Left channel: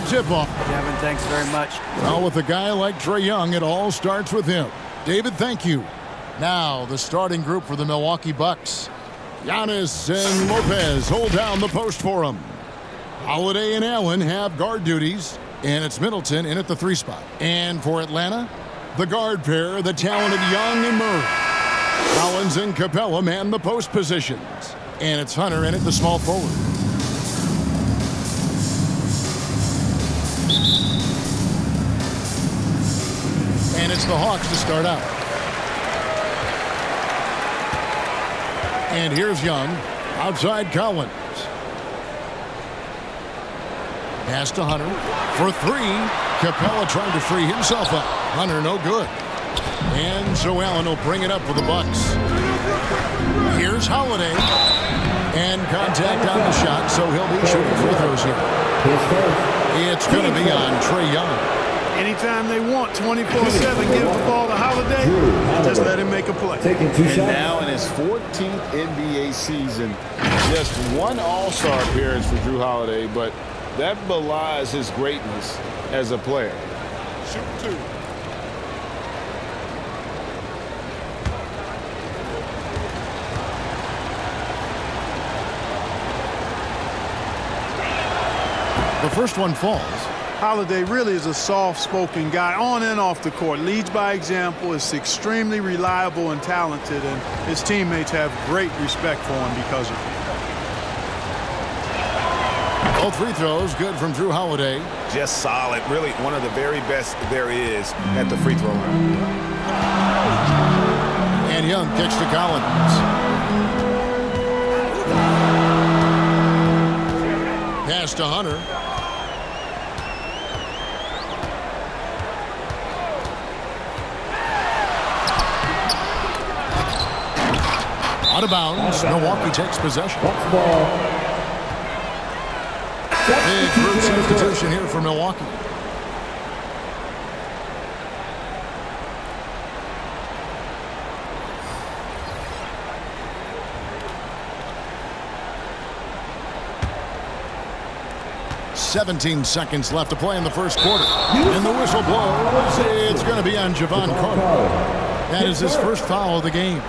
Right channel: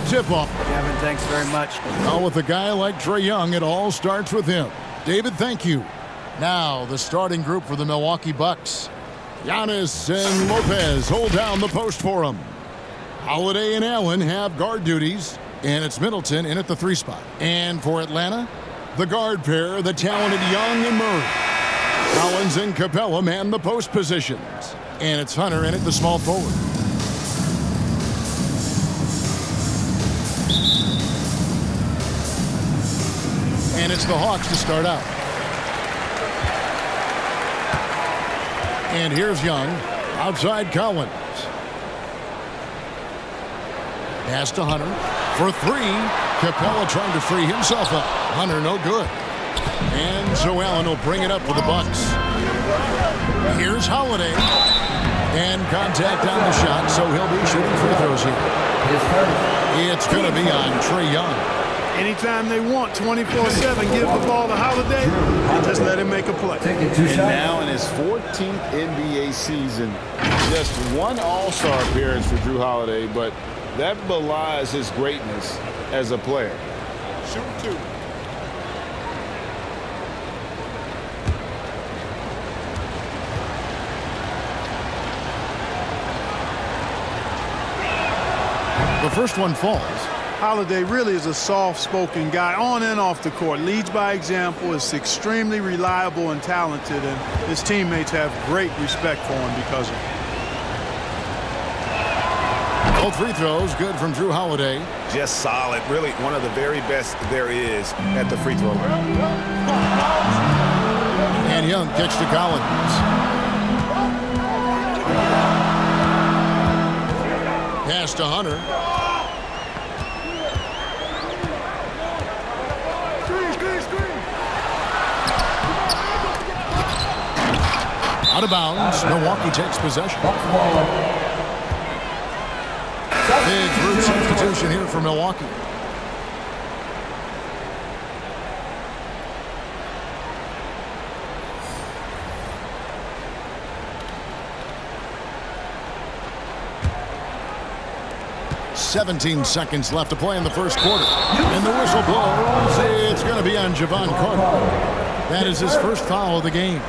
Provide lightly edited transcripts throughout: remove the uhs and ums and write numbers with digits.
the tip-off. Kevin, thanks very much. Well, with a guy like Trae Young, it all starts with him. David, thank you. Now, the starting group for the Milwaukee Bucks. Giannis and Lopez hold down the post for him. Holiday and Allen have guard duties, and it's Middleton in at the 3 spot. And for Atlanta, the guard pair, the talented Young and Murray. Collins and Capella man the post positions. And it's Hunter in at the small forward. And it's the Hawks to start out. And here's Young. Outside Collins. Pass to Hunter. For 3. Capella trying to free himself up. Hunter no good. And so Allen will bring it up for the Bucks. Here's Holiday. And contact on the shot, so he'll be shooting free throws here. It's going to be on Trae Young. Anytime they want, 24/7, give the ball to Holiday and just let him make a play. And now in his 14th NBA season, just one All-Star appearance for Jrue Holiday, but that belies his greatness as a player. Shoot 2. The first one falls. Holiday really is a soft-spoken guy on and off the court. Leads by example, is extremely reliable and talented, and his teammates have great respect for him because of it. Both free throws good from Jrue Holiday. Just solid. Really one of the very best there is at the free throw line. And Young kicks to Collins. Pass to Hunter. Out of bounds. Milwaukee takes possession. Big group substitution here for Milwaukee. "17 seconds left to play in the first quarter. And the whistle blows. It's going to be on Javon Carter. That is his first foul of the game.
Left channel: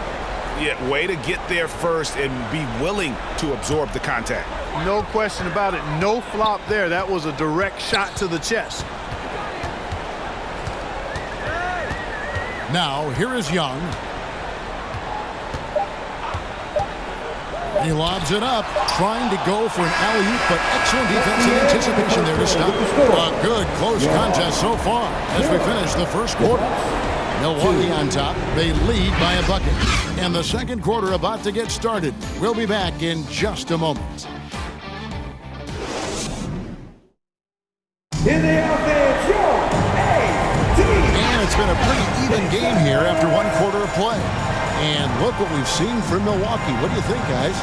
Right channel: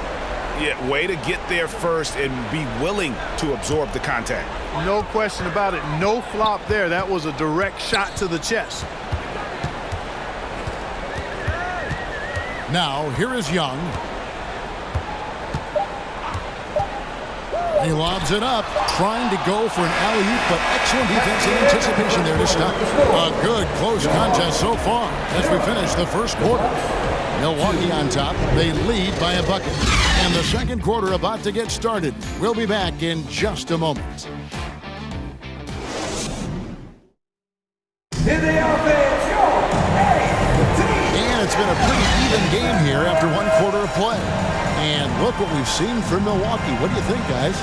Yeah, way to get there first and be willing to absorb the contact. No question about it. No flop there. That was a direct shot to the chest. Now, here is Young. He lobs it up, trying to go for an alley-oop, but excellent defense and anticipation there to stop. A good close contest so far as we finish the first quarter. Milwaukee on top. They lead by a bucket. And the second quarter about to get started. We'll be back in just a moment. In the offense, your A-team. And it's been a pretty even game here after one quarter of play. And look what we've seen from Milwaukee. What do you think, guys?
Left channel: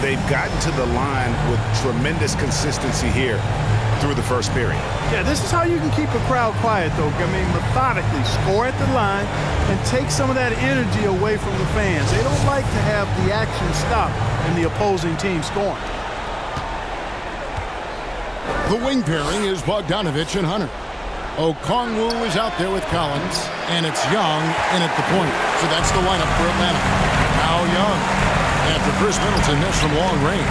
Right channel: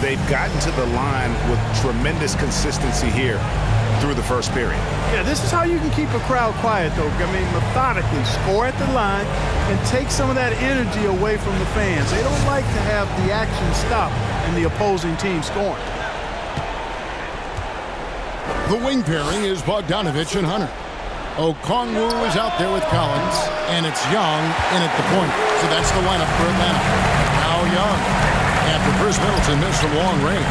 They've gotten to the line with tremendous consistency here through the first period. Yeah, this is how you can keep a crowd quiet, though. I mean, methodically score at the line and take some of that energy away from the fans. They don't like to have the action stop and the opposing team scoring. The wing pairing is Bogdanovich and Hunter. Okongwu is out there with Collins, and it's Young in at the point. So that's the lineup for Atlanta. Now Young, after Chris Middleton missed from long range.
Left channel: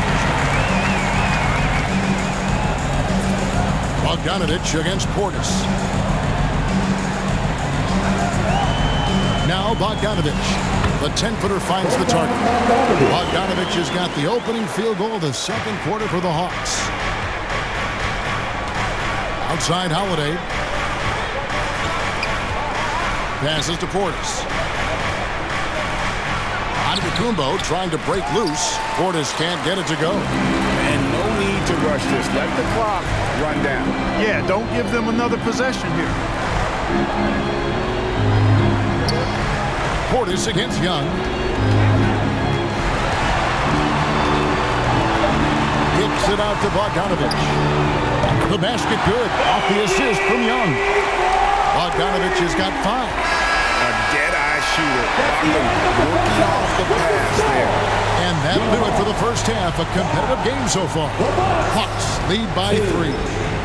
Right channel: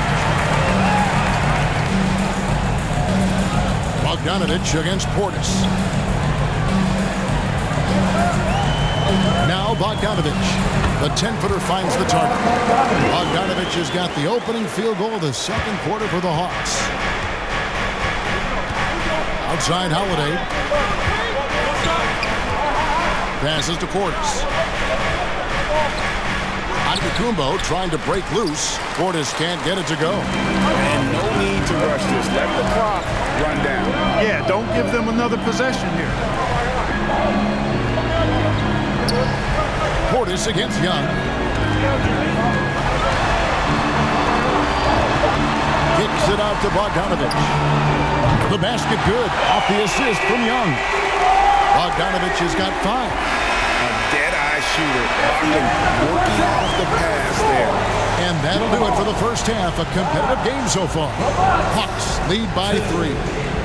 Bogdanovich against Portis. Now Bogdanovich. The 10-footer finds the target. Bogdanovich has got the opening field goal of the second quarter for the Hawks. Outside Holiday. Passes to Portis. Antetokounmpo trying to break loose. Portis can't get it to go. And no need to rush this. Let the clock run down. Yeah, don't give them another possession here. Portis against Young. Kicks it out to Bogdanovich. The basket good. Off the assist from Young. Bogdanovich has got 5. A dead-eye shooter. Bogdan working off the pass there. And that'll do it for the first half. A competitive game so far. Hawks lead by 3.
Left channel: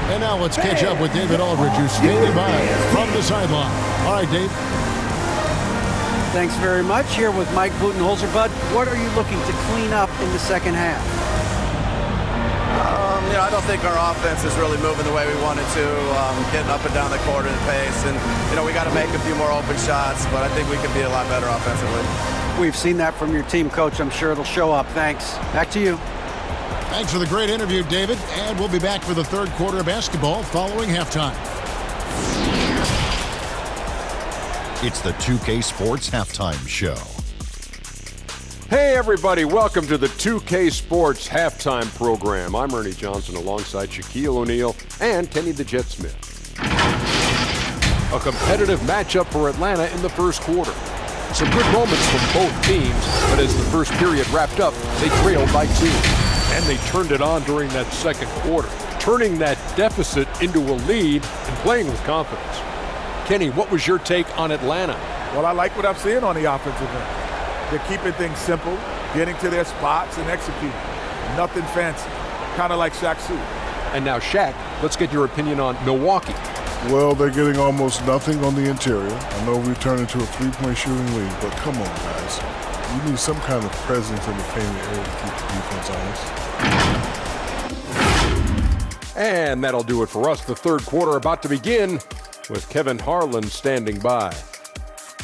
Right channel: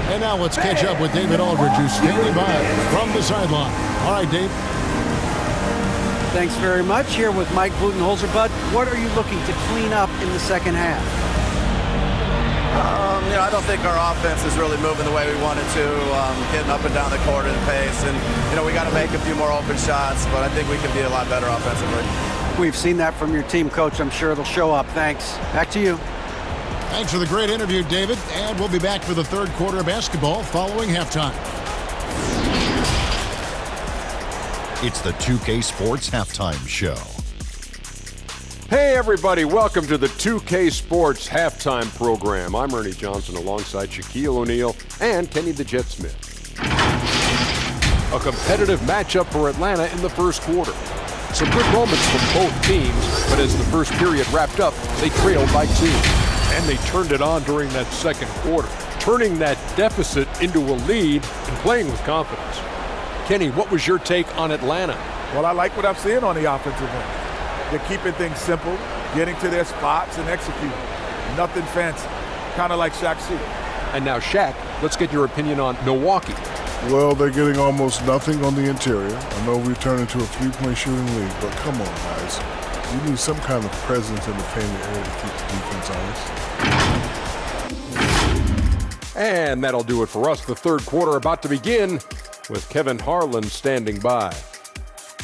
And now let's catch up with David Aldridge, who's standing by from the sideline. All right, Dave. Thanks very much. Here with Mike Budenholzer. Bud, what are you looking to clean up in the second half? I don't think our offense is really moving the way we wanted to, getting up and down the court at a pace. And, we got to make a few more open shots, but I think we can be a lot better offensively. We've seen that from your team, Coach. I'm sure it'll show up. Thanks. Back to you. Thanks for the great interview, David. And we'll be back for the third quarter of basketball following halftime. It's the 2K Sports Halftime Show. Hey everybody, welcome to the 2K Sports Halftime Program. I'm Ernie Johnson alongside Shaquille O'Neal and Kenny the Jet Smith. A competitive matchup for Atlanta in the first quarter. Some good moments from both teams, but as the first period wrapped up, they trailed by 2. And they turned it on during that second quarter, turning that deficit into a lead and playing with confidence. Kenny, what was your take on Atlanta? Well, I like what I'm seeing on the offensive end. They're keeping things simple, getting to their spots and executing. Nothing fancy, kind of like Shaq Suter. And now, Shaq, let's get your opinion on Milwaukee. Well, they're getting almost nothing on the interior. I know we've turned into a three-point shooting league, but come on, guys. You need some kind of presence in the painted area to keep the defense honest. And that'll do it for us. The third quarter about to begin with Kevin Harlan standing by.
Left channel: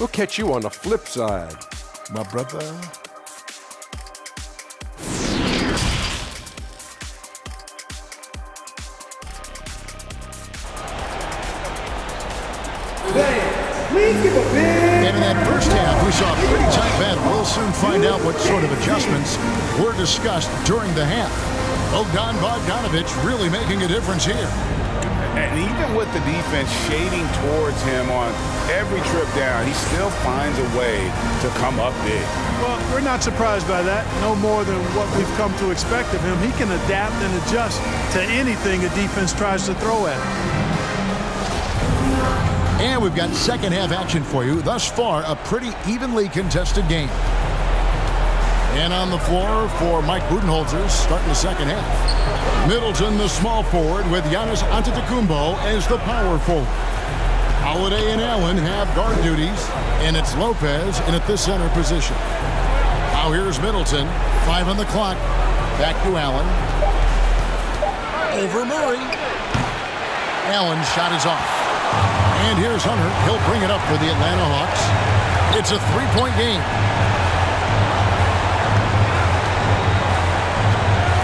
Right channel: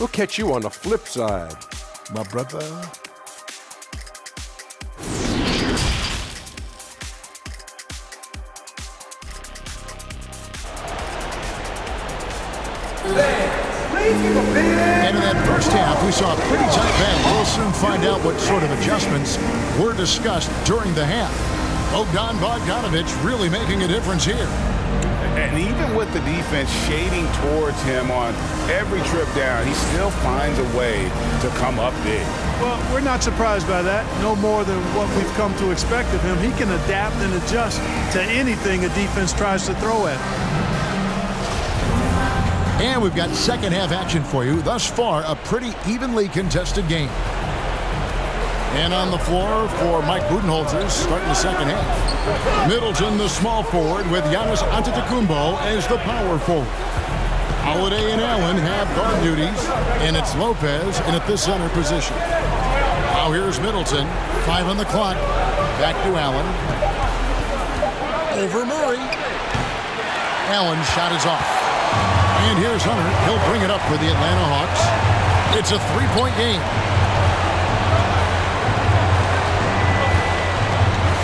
We'll catch you on the flip side. My brother. Please give a big... And in that first half, we saw a pretty tight battle. We'll soon find out what sort of adjustments were discussed during the half. Bogdan Bogdanovic really making a difference here. And even with the defense shading towards him on every trip down, he still finds a way to come up big. Well, we're not surprised by that. No more than what we've come to expect of him. He can adapt and adjust to anything a defense tries to throw at him. And we've got second half action for you. Thus far, a pretty evenly contested game. And on the floor for Mike Budenholzer, starting the second half. Middleton, the small forward, with Giannis Antetokounmpo as the power forward. Holiday and Allen have guard duties, and it's Lopez in at the center position. Now here's Middleton, 5 on the clock. Back to Allen. Over Murray. Allen's shot is off. And here's Hunter. He'll bring it up for the Atlanta Hawks. It's a three-point game.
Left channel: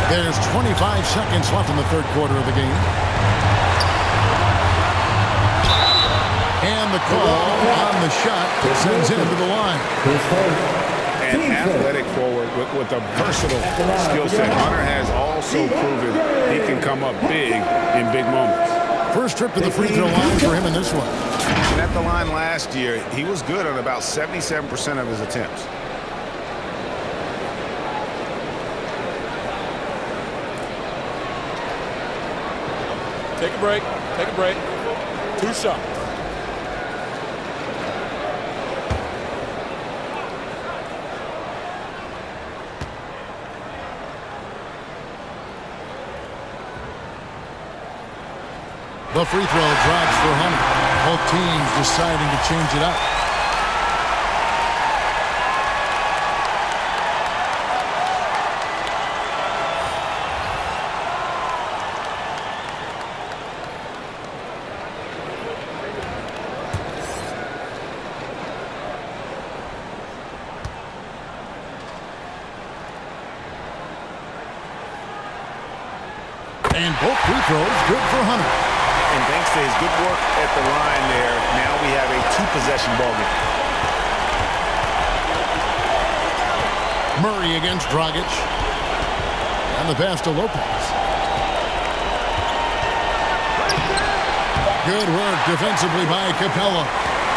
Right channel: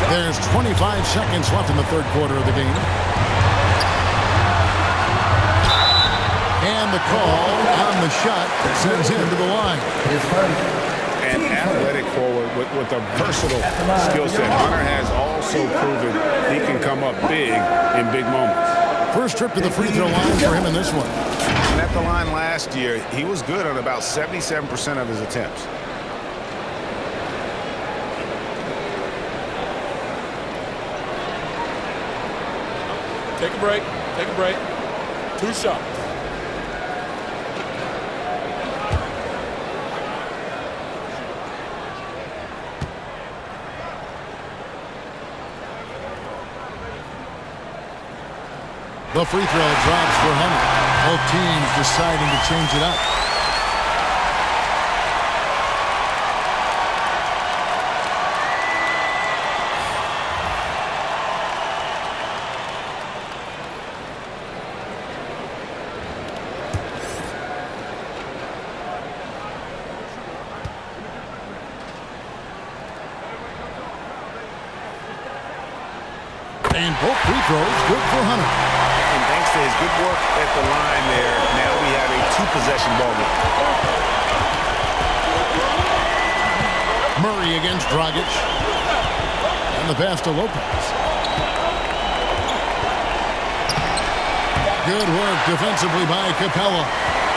There's 25 seconds left in the third quarter of the game. And the call on the shot that sends him to the line. An athletic forward with a versatile skill set. Hunter has also proven he can come up big in big moments. First trip to the free throw line for him in this one. And at the line last year, he was good on about 77% of his attempts. Take a break. Take a break. 2 shots. The free throw drops for Hunter. Both teams deciding to change it up. And both free throws good for Hunter. And thanks to his good work at the line there, now we have a 2-possession ball game. Murray against Dragic. And the pass to Lopez. Good work defensively by Capella.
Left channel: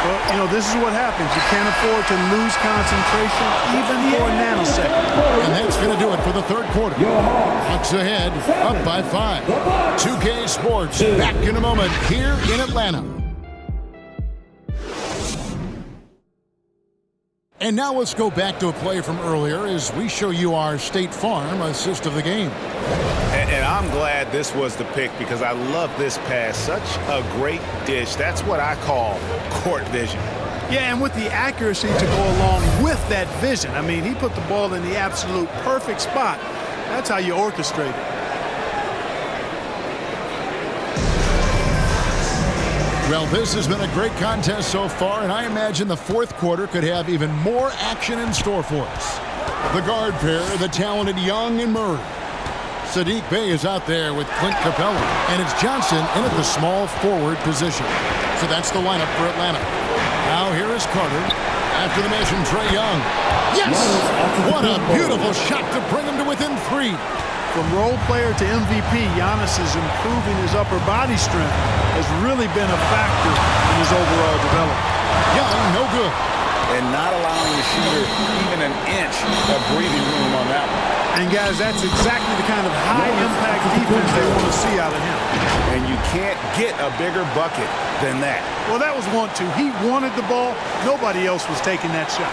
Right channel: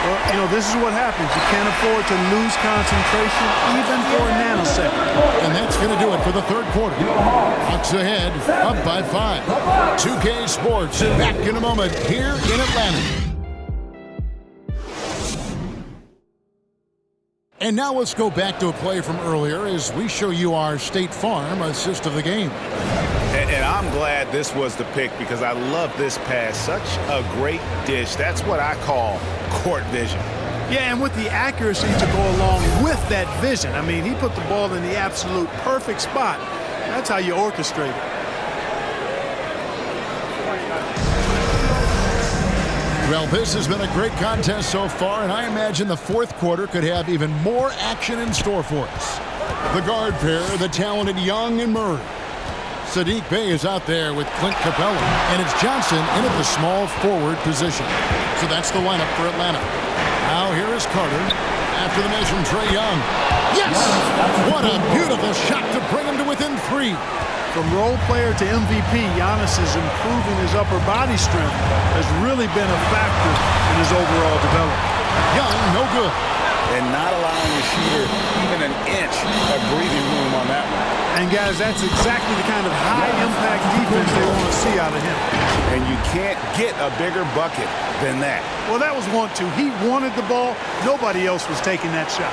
Well, this is what happens. You can't afford to lose concentration even for a nanosecond. And that's going to do it for the third quarter. Hawks ahead, up by 5. 2K Sports, back in a moment here in Atlanta. And now let's go back to a play from earlier as we show you our State Farm assist of the game. And I'm glad this was the pick because I love this pass. Such a great dish. That's what I call court vision. Yeah, and with the accuracy to go along with that vision. I mean, he put the ball in the absolute perfect spot. That's how you orchestrate it. Well, this has been a great contest so far, and I imagine the fourth quarter could have even more action in store for us. The guard pair, the talented Young and Murray. Sadiq Bey is out there with Clint Capella, and it's Johnson in at the small forward position. So that's the lineup for Atlanta. Now here is Carter. After the miss from Trae Young. Yes! What a beautiful shot to bring him to within 3. From role player to MVP, Giannis is improving his upper body strength has really been a factor in his overall development. Young, no good. And not allowing the shooter even an inch of breathing room on that one. And guys, that's exactly the kind of high-impact defense they want to see out of him. And you can't get a bigger bucket than that. Well, that was 1-2. He wanted the ball. Nobody else was taking that shot.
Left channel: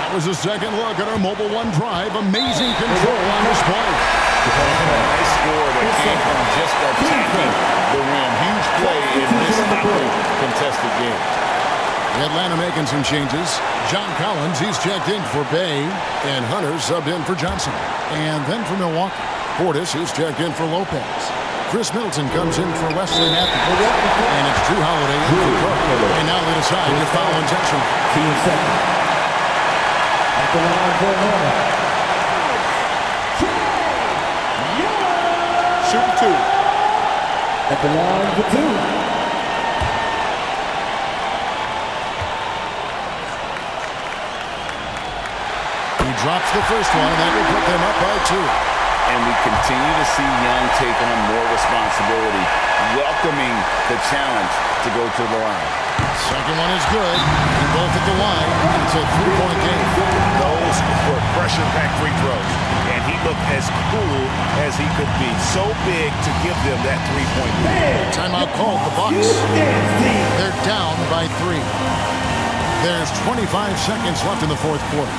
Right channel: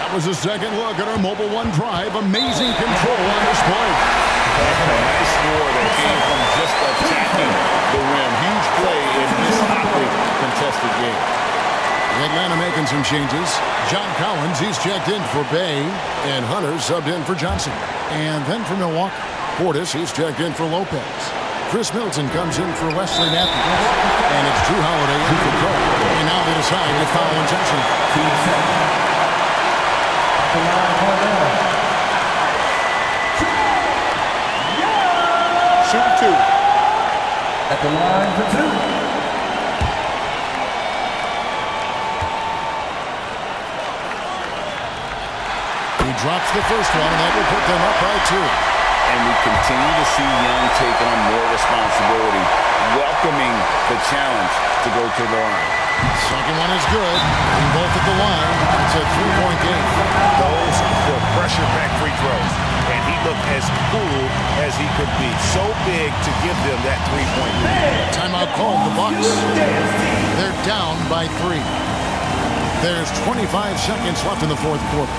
That was a second look at our Mobile One drive. Amazing control on display. And a nice score that came from just attacking the rim. Huge play in this hotly contested game. Atlanta making some changes. John Collins, he's checked in for Bay, and Hunter subbed in for Johnson. And then for Milwaukee, Portis, he's checked in for Lopez. Chris Middleton comes in for Wesley Matthews. And it's Drew Holiday in for Carter. And now they decide to foul intentionally. Team second. At the line for Atlanta. Shooting 2. At the line for 2. He drops the first one, and that will put them up by 2. And we continue to see Young take on more responsibility, welcoming the challenge to go to the line. Second one is good. Hitting both at the line, and it's a 3-point game. Those were pressure-packed free throws, and he looked as cool as he could be. So big to give them that 3-point lead. Timeout called the Bucks. They're down by 3. There's 25 seconds left in the fourth quarter.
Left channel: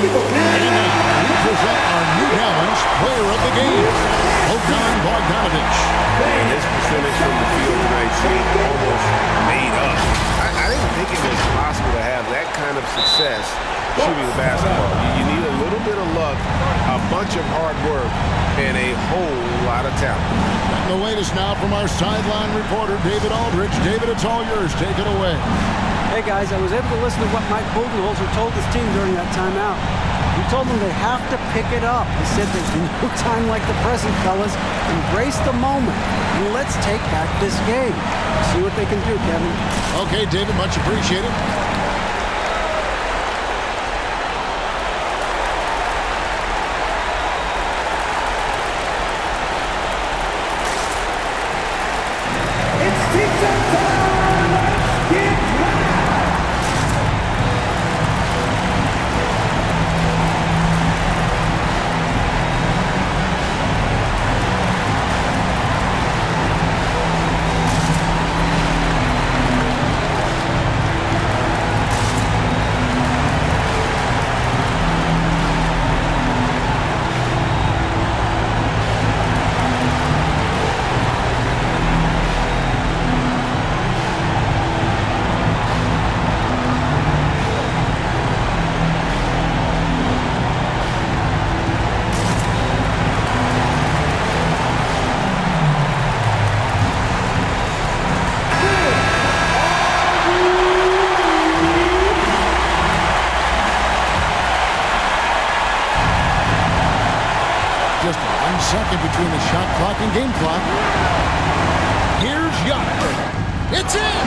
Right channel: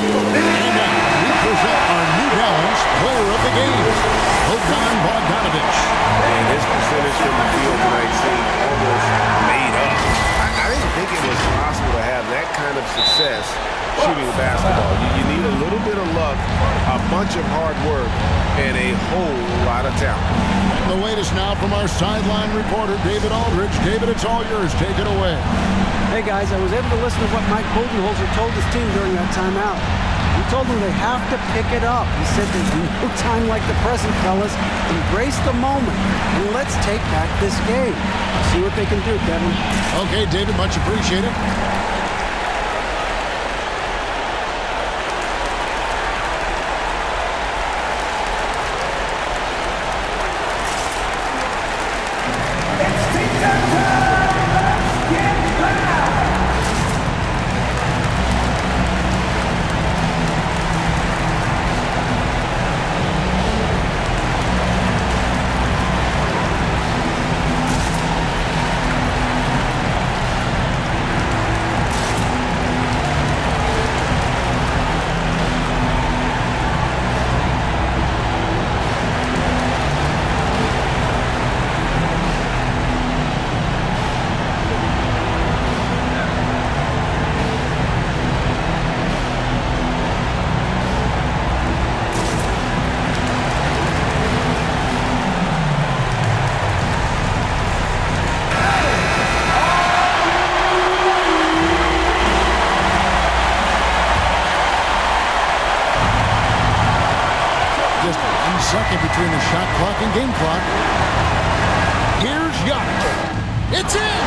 And now we present our New Balance Player of the Game, Bogdan Bogdanovic. And his percentage from the field tonight seemed almost made up. I didn't think it was possible to have that kind of success shooting the basketball. You need a little bit of luck, a bunch of hard work, and a whole lot of talent. And the latest now from our sideline reporter, David Aldridge. David, it's all yours. Take it away. Hey guys, I was able to listen to what Mike Budenholzer told his team during that timeout. He told them they have to pick it up. He said there's no time like the present, fellas. Embrace the moment, and let's take back this game. See what they can do, Kevin. Okay, David, much appreciated. It's team time. Let's get back. Just 1 second between the shot clock and game clock. Here's Giannis. It's in!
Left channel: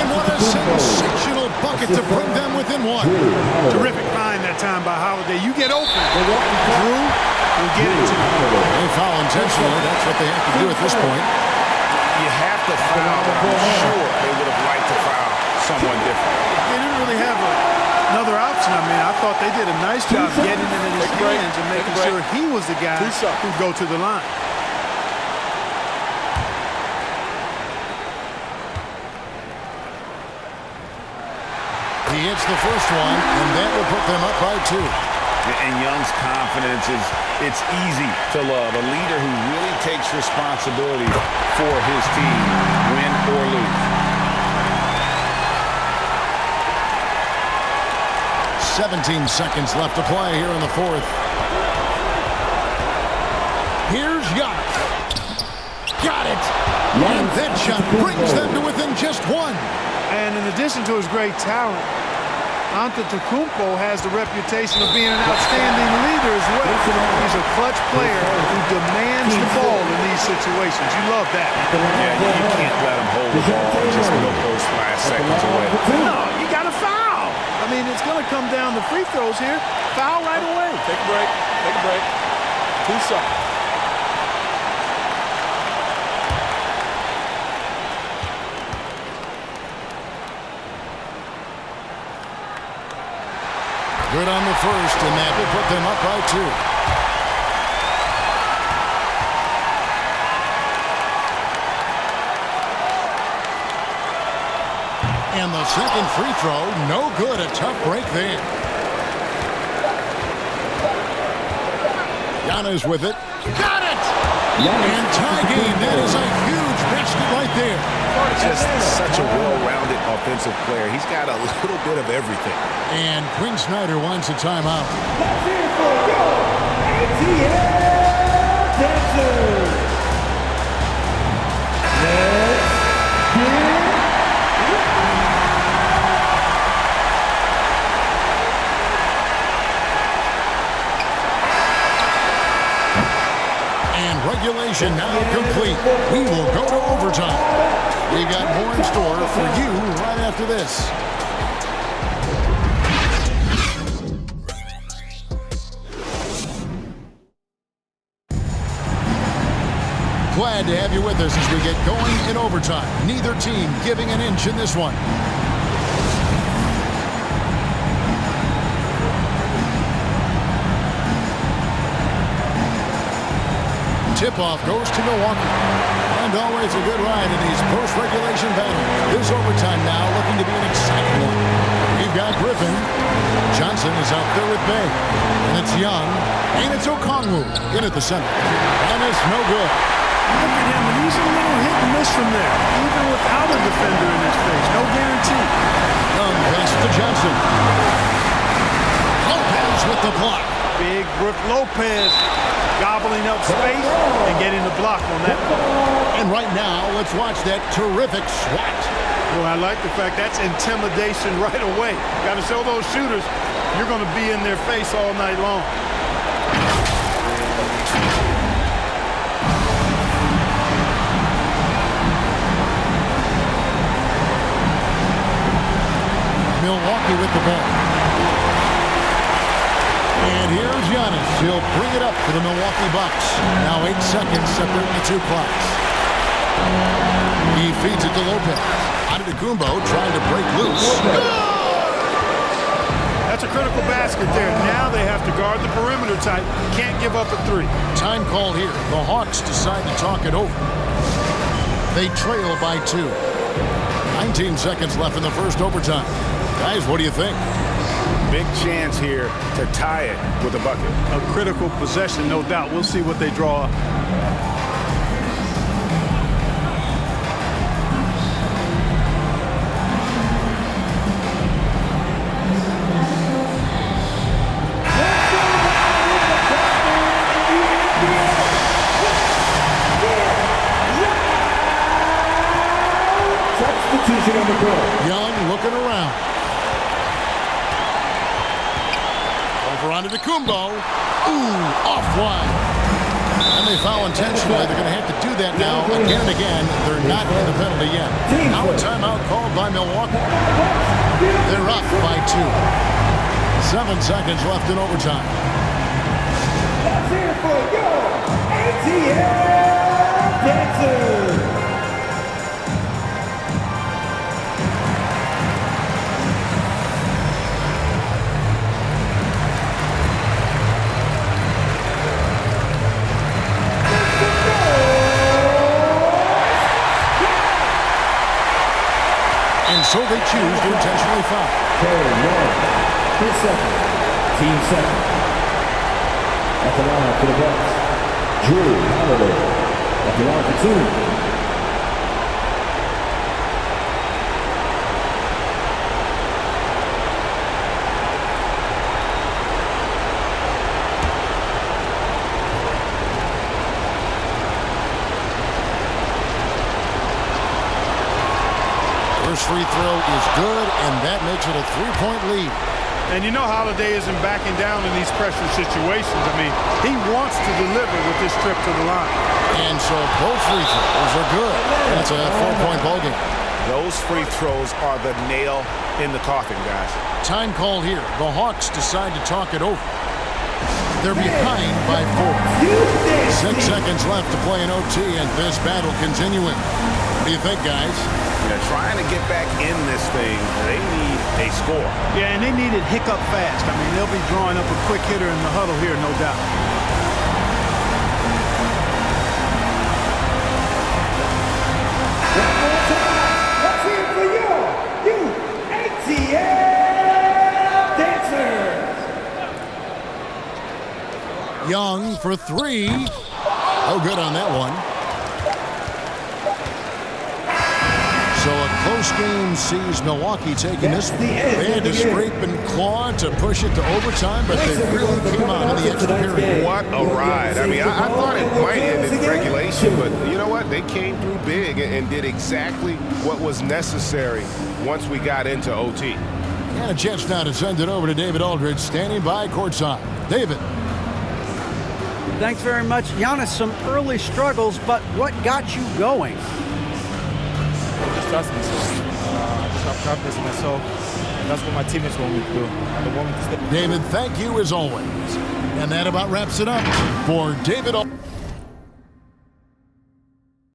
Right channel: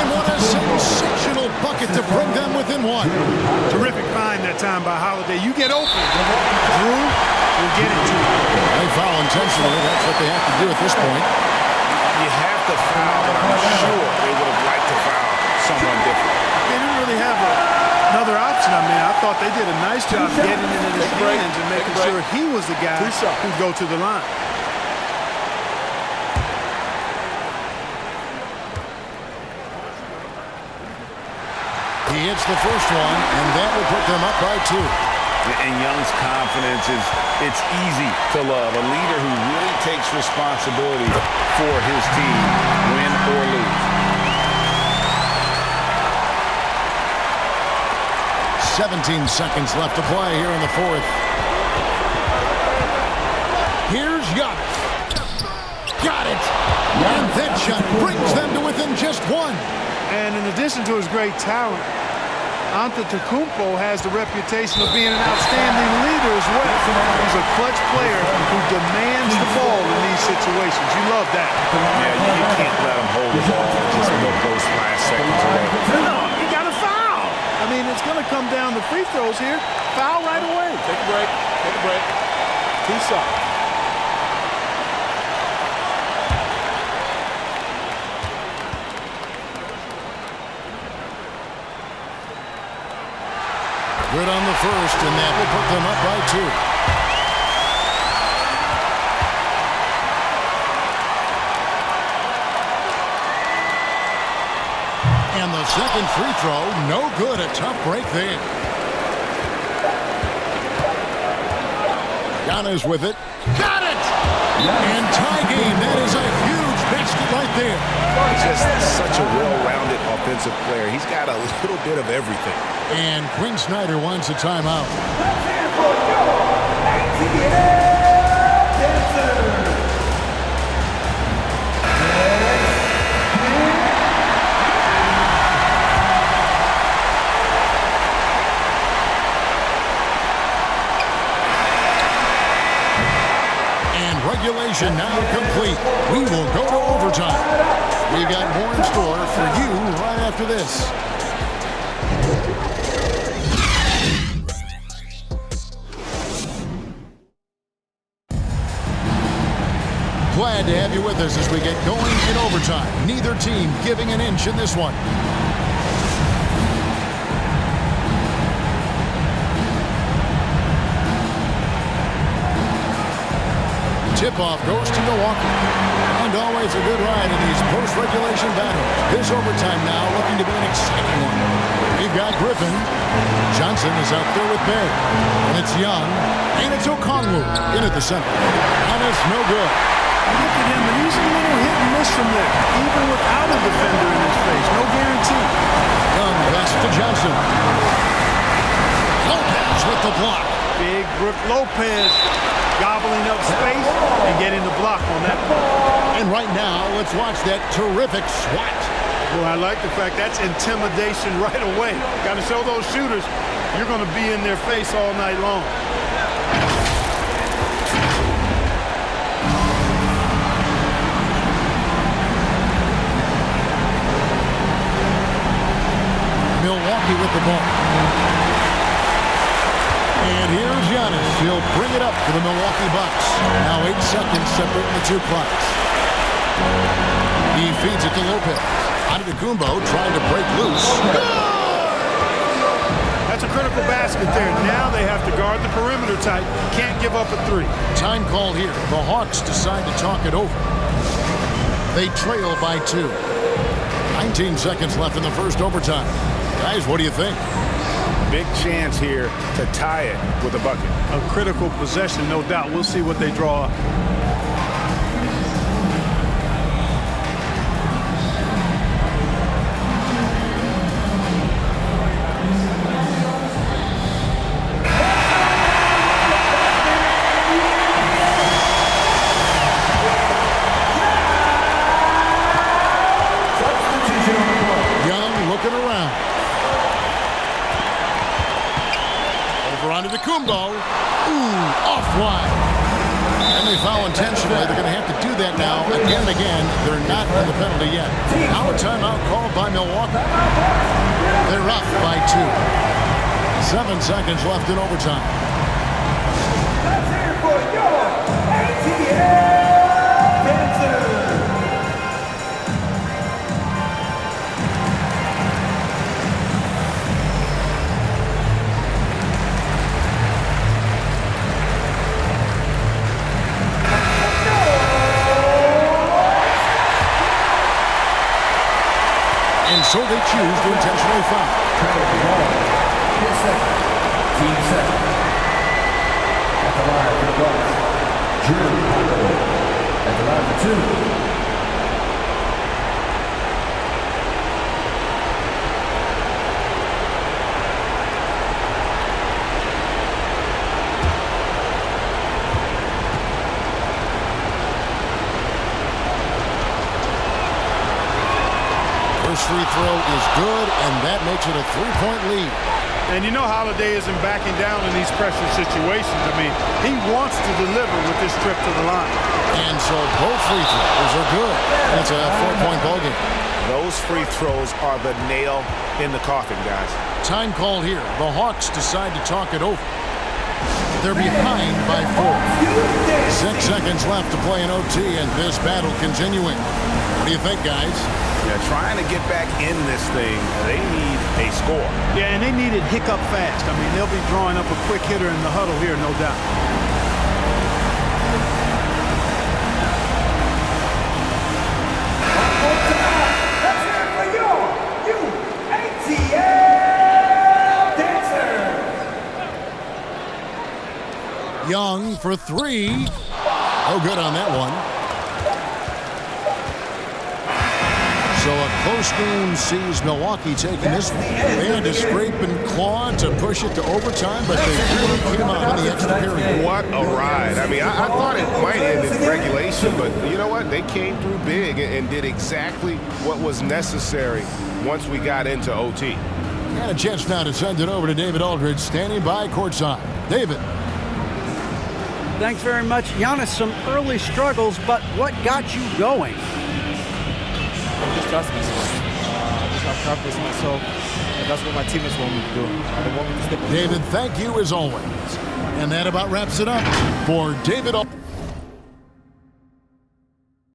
And what a sensational bucket to bring them within one. Terrific find that time by Holiday. You get open. Drew will get it to you. They foul intentionally. That's what they have to do at this point. You have to foul, but I'm sure they would have liked to foul someone different. They didn't really have another option. I mean, I thought they did a nice job getting it in his hands and making sure he was the guy who'd go to the line. He hits the first one, and that will put them up by 2. And Young's confidence it's easy to love. A leader who really takes responsibility for his team, win or lose. 17 seconds left to play here in the fourth. Here's Giannis. Got it! And that shot brings them to within just 1. And in addition to his great talent, Antetokounmpo has the reputation of being an outstanding leader as well. He's a clutch player who demands the ball in these situations. You love that. Yeah, you can't let him hold the ball and just milk those last seconds away. No, you got to foul. I mean, it's going to come down to free throws here. Foul right away. Take a break. Take a break. 2 shots. Good on the first, and that will put them up by 2. And the second free throw, no good. A tough break there. Giannis with it. Got it! And tie game. That is a huge basket right there. Just such a well-rounded offensive player. He's got a little bit of everything. And Quinn Snyder wants a timeout. Let's hear it for your ATL Dancers. And regulation now complete. We will go to overtime. We've got more in store for you right after this. Glad to have you with us as we get going in overtime. Neither team giving an inch in this one. Tip-off goes to Milwaukee. And always a good ride in these post-regulation battles. This overtime now looking to be an exciting one. We've got Griffin. Johnson is out there with Bay. And it's Young. And it's Okongwu in at the center. Giannis, no good. Look at him, and he's a little hit and miss from there, even without a defender in his face. No guarantee. Young pass to Johnson. Lopez with the block. Big Brook Lopez gobbling up space and getting the block on that play. And right now, let's watch that terrific swat. Well, I like the fact that's intimidation right away. Got to show those shooters you're going to be in their face all night long. Milwaukee with the ball. And here's Giannis. He'll bring it up for the Milwaukee Bucks. Now 8 seconds separating the 2 clocks. He feeds it to Lopez. Antetokounmpo trying to break loose. Good! That's a critical basket there. Now they have to guard the perimeter tight. Can't give up a 3. Time called here. The Hawks decide to talk it over. They trail by 2. 19 seconds left in the first overtime. Guys, what do you think? Big chance here to tie it with a bucket. A critical possession, no doubt. We'll see what they draw up. Young looking around. Over onto the Kumbo. Ooh, offline. And they foul intentionally. They're going to have to do that now again and again. They're not in the penalty yet. Now a timeout called by Milwaukee. They're up by 2. 7 seconds left in overtime. Let's hear it for your ATL Dancers. And so they choose to intentionally foul. Player 1, his second, team second. At the line for the Bucks, Drew Holiday. At the line for 2. First free throw is good, and that makes it a 3-point lead. And you know Holiday isn't backing down in these pressure situations. I mean, he wants to deliver with this trip to the line. And so both free throws are good. That's a 4-point ball game. Those free throws are the nail in the coffin, guys. Time call here. The Hawks decide to talk it over. They're behind by 4. 6 seconds left to play in OT, and this battle continuing. What do you think, guys? Yeah, trying to get back in this thing, they need a score. Yeah, and they need it hiccup fast. I mean, they'll be drawing up a quick hitter in the huddle here, no doubt. One more time. Let's hear it for your ATL Dancers. Young for 3. Oh, good on that one. So a close game sees Milwaukee taking this one. They had to scrape and claw to push it to overtime, but they really came out in the extra period. What a ride. I mean, I thought it might end in regulation, but you know what? They came through big and did exactly what was necessary once we got into OT. And a chance now to send it over to David Aldridge, standing by courtside. David. Thanks very much. Giannis, some early struggles, but what got you going? I just trust myself. I just have confidence in myself, and that's what my teammates want me to do. They want me to stay. David, thank you as always. And that about wraps it up for David Aldridge.